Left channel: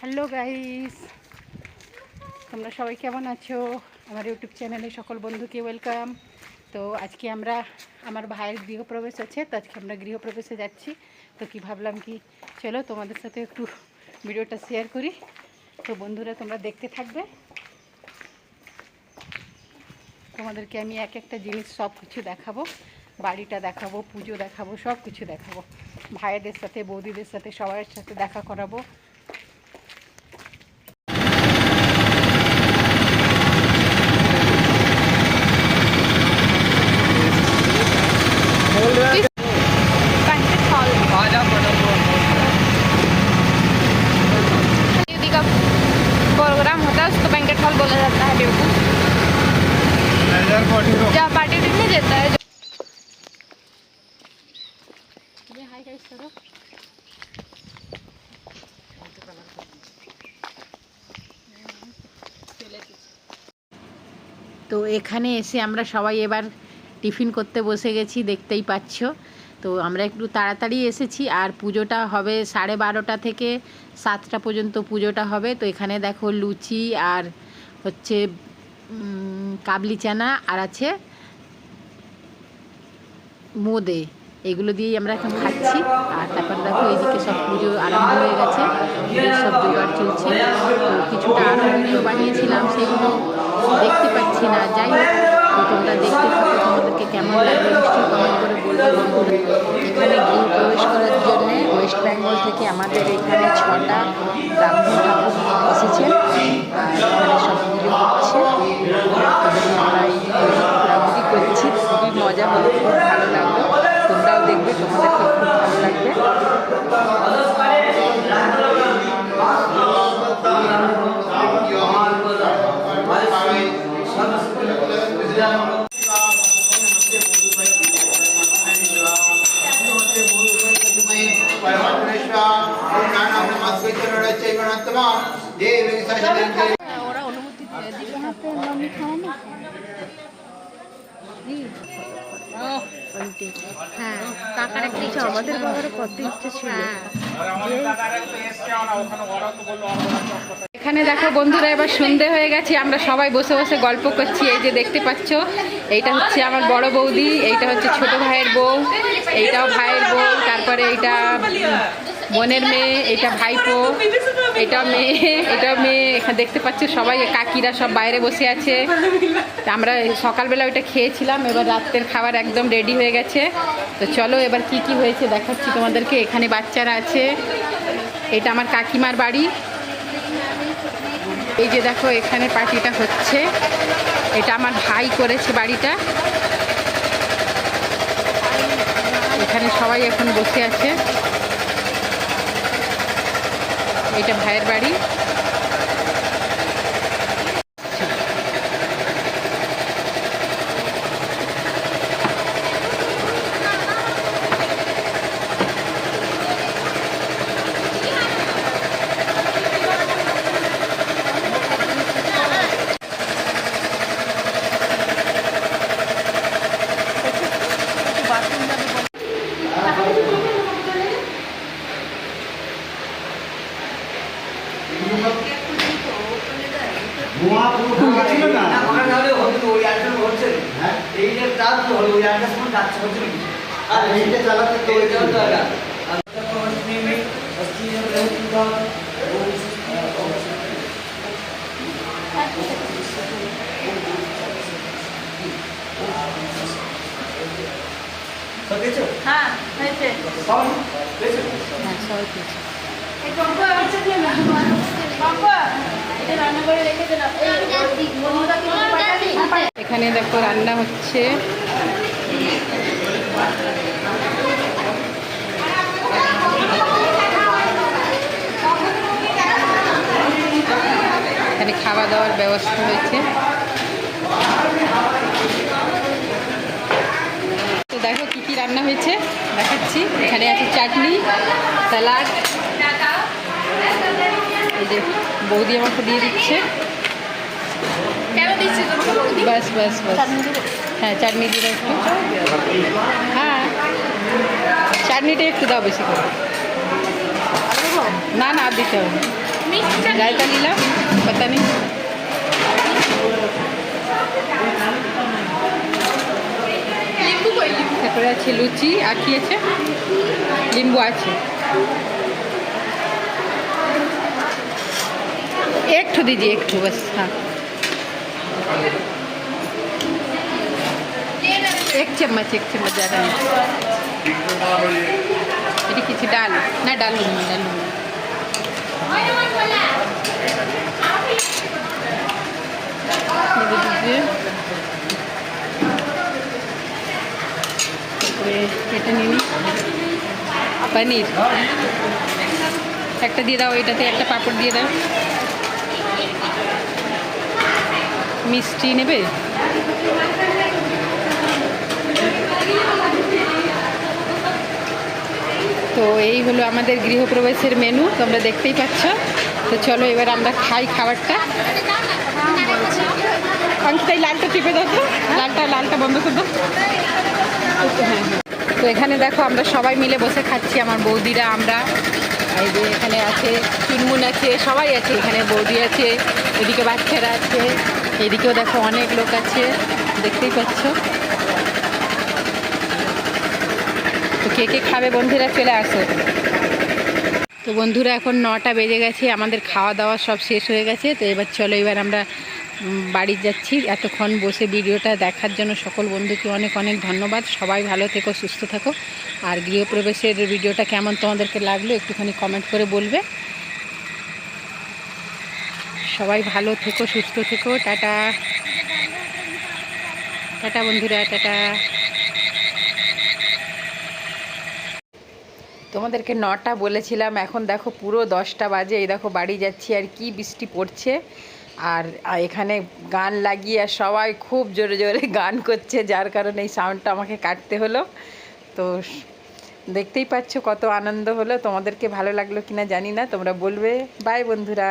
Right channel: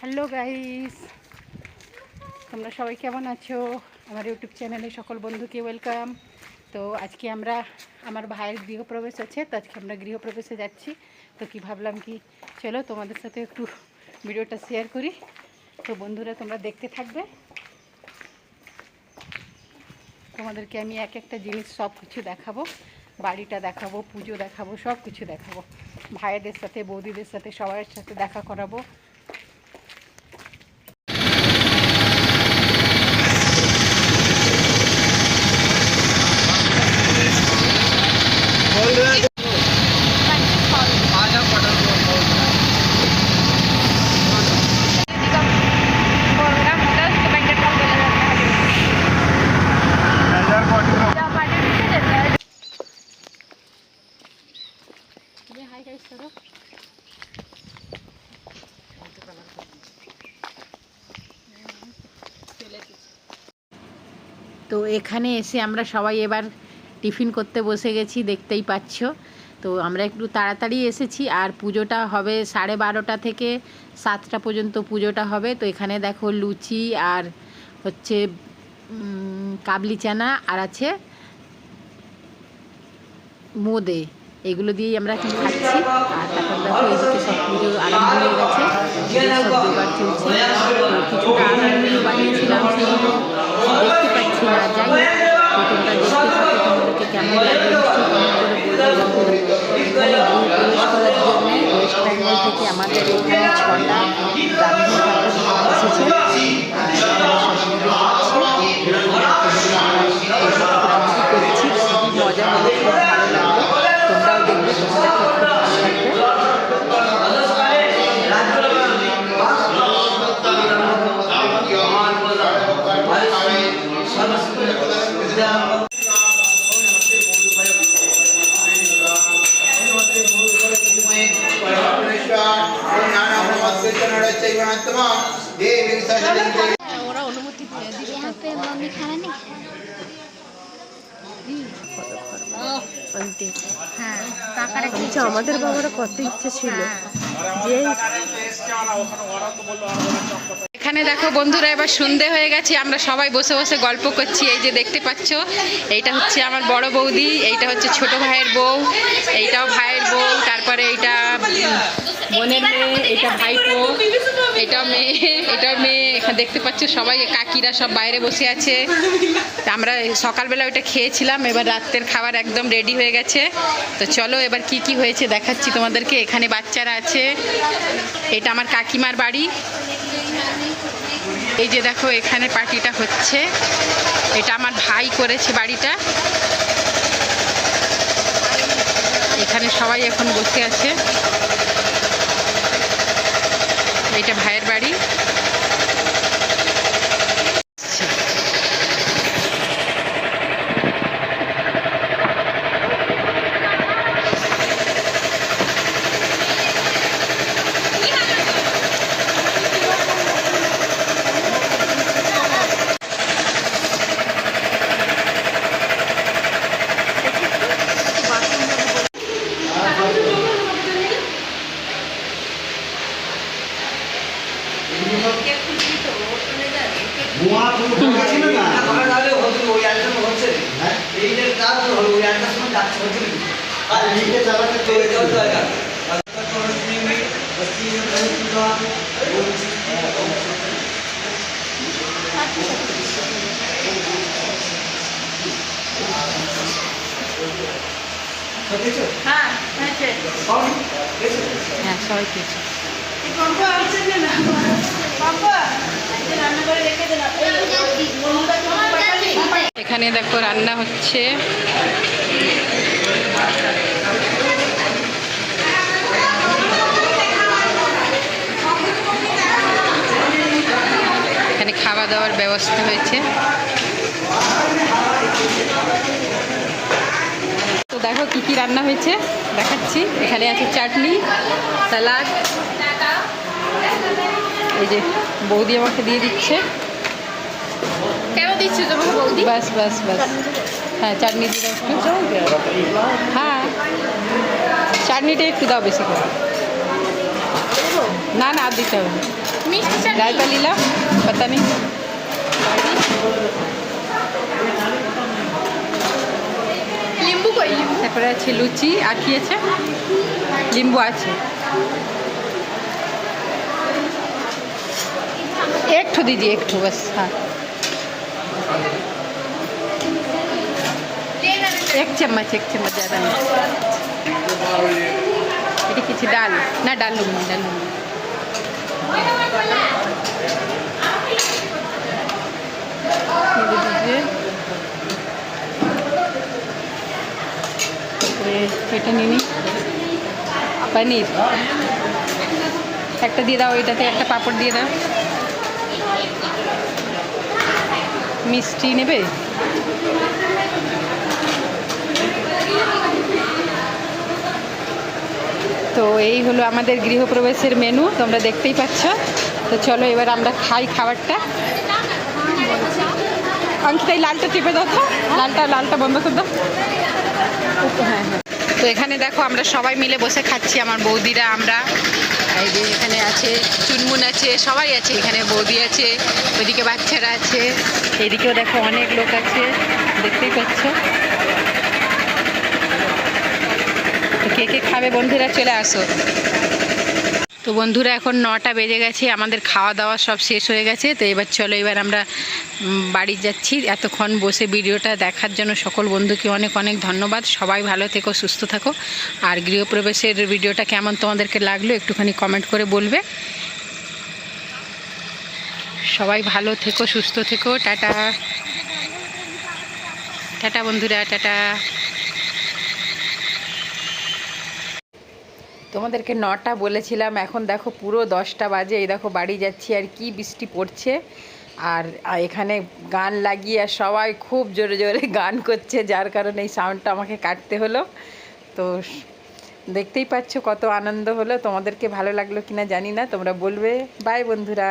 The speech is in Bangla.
হ্যালো গাইস, তোমরা সবাই কেমন আছো? আমার ইউটিউব চ্যানেলে সকল বন্ধুকে ওয়েলকাম। তো আজকে আমার ভাইয়ের গৃহপ্রবেশ আছে, তো আজকে আমরা গৃহপ্রবেশে যাচ্ছি। তো কি ভাবলাম কি চলো তোমাদের সাথে একটু ভিডিওটা শেয়ার করি। তো বন্ধুরা তোমরা দেখতে থাকবে, তোমাদেরকে আমি এক একটা জিনিস সব কিছু দেখাবো, বাড়িটা দেখাবো, পুজো দেখাবো, সব কিছু দেখাবো। ভাইদের সাথে বৌদিদের সাথে সবার সাথে দেখা করাবো। তো এখানে এসে আমরা সবাই এবার টিফিন করতে বসে গেছি, দেখতেই পাচ্ছ। তো আমরা একটু তাড়াতাড়ি এসেছি, আর পুজোটা হবে 12:30 থেকে 7টা পর্যন্ত পুজোটা হবে। তো এখানে দেখো লুচি আর হচ্ছে কাবলি চানা আর আছে মোদে, এগুলো দিয়েই আমরা এখন খাচ্ছি। আর তারপর দেখো এইদিকে সব পুজো আরম্ভ হয়ে গেছে, সব জোগাড় চলছে। তো কিছুটা আরও ভিডিও বানিয়েছিলাম, সেগুলো দেখতে পাচ্ছি না। যাই হোক, তো তোমরা দেখতে থাকো, তোমাদেরকে কেমন লাগে নিশ্চয়ই কমেন্ট করে বলবে বন্ধুরা। এখানে গৃহপ্রবেশ করার জন্যে ওয়েস্ট বেঙ্গল থেকে আমাদের এখানে 6টা ব্রাহ্মণ ঠাকুর এসেছেন, আর এখানে সব পুজো হচ্ছে। আমরা এই ঘোরাঘুরি করছি, খুবই মজা হলো, খুব ভালো লাগলো। তোমরাও দেখবে, তোমাদেরকে খুব ভালো লাগবে। আমাদের বাবার কত ইচ্ছে ছিল। এখানে দেখো বন্ধুরা, এবার সন্ধে হয়ে গেছে, আমরা সবাই বসে বসে গল্প করছি। এই যে দেখতে পাচ্ছ, এইটা হচ্ছে আমার বড় বৌদি, এইটা হচ্ছে ছোট ভাইয়ের বউ, এইটাও ভাইয়ের বউ, তারপরে এইটা বোনের মেয়ে, এটা ভাইপো, এটাও মেয়ে। এখানে দেখতে পাচ্ছ সবাই কাকিরা সব বাইরে বসে আছে। আমরা সকালবেলা ওইটা খেয়েছিলাম, এবার রাতের খাবার একদম রেডি হয়ে গেছে। তো চলো এবার কি কি হয়েছে দেখাচ্ছি তোমাদেরকে। এখানে বাচ্চারা আছে, এটা আমার কাকিমার বাড়ি। এই যে দেখো এখানে পার্টিটা হচ্ছে, এটা আমার ভাই করেছে বাড়িটা। এখানে সবাই এখন বসে আছে, এটা ভাইয়ের বাড়ি। এখানে দেখো রান্না হচ্ছে, এখানে খাওয়া দাওয়ার ব্যবস্থা হয়েছে। তো দেখো কি কি রান্না হয়েছে দেখাচ্ছি। এখানে আছে চাটনি, স্যালাড, এই যে বৌদি আমাকে দিয়ে দিচ্ছে। বাস বাস বাস, হ্যাঁ চাটনি দিয়ে একটু, হ্যাঁ চাটনিটা একটু দাও বেশি করে। না না আর দিতে হবে। রায়তা নিলাম, পাতা নেই। তারপরে আছে লুচি, আর কি আছে, লিম্বু আছে। एक ठो दीजिए, एक ठो बस। हाँ, एक चम्मच ज़्यादा नहीं। ये किसी डाल ना, डालूंगी ये दे दीजिए। এটা নিন, পনির একটা দিয়ে দাও, এটাতে একটা পাপড় দিয়ে দাও। মিষ্টি নেবে? তো এই হলো আমাদের গৃহপ্রবেশের মেনু, তোমরা দেখতেই পাচ্ছ। তো চলো এবার আমরা খাই খাবারটা। অঙ্কিতা এই লালটা টিপে দাও তো, লালটা বন্ধ করে দাও। হ্যাঁ, তো এখানে দেখো আমরা সবাই মিলে বসে খাচ্ছি, আমার বৌদিরা, আমরা। এই যে এখানে আছে চুনমুন আছে, সবাই আছে, এখানে বৌদি আছে, ওইদিকে বাচ্চারা আছে, এইদিকেও দেখো অনেক লোক আছে, দেখতেই পাচ্ছ। তো কে কে খাবে বন্ধুরা, চলে আসো। তো বন্ধুরা এখন 9টা বেজে গেছে, আমাদের খাওয়া দাওয়া সব শেষ হয়ে গেছে। তো এবার চলো, এবার আমরা বাড়ি যাচ্ছি। এতক্ষণ বসে ভিডিওটা দেখার জন্য সকল বন্ধুকে অনেক অনেক ধন্যবাদ। সবাই ভালো থেকো, সুস্থ থাকো। আর গৃহপ্রবেশের ভিডিওটা কেমন তোমাদেরকে লাগলো একটুখানি কমেন্ট করে বলবে। সবাই ভালো থেকো, সুস্থ থেকো। টাটা টাটা বন্ধুরা, টাটা। তোমাদেরকে 9টা বলেছিলাম, এখন দেখো পুরো 10টা বাজে। এই দেখো বাড়ি যাচ্ছি, আর কি বৃষ্টি পড়ছে। আর এখানে গান লাগিয়ে আর সবাই খুব জোরে জোরে গান করছে, যার কারণে এই সাউন্ডটা আমাকে কাটতে হলো। তো দেখতেই পাচ্ছ কত আনন্দ হলো। তোমাদেরকে ভালো লাগলো কিনা জানি না, তোমরা বলবে। বাই বন্ধুরা।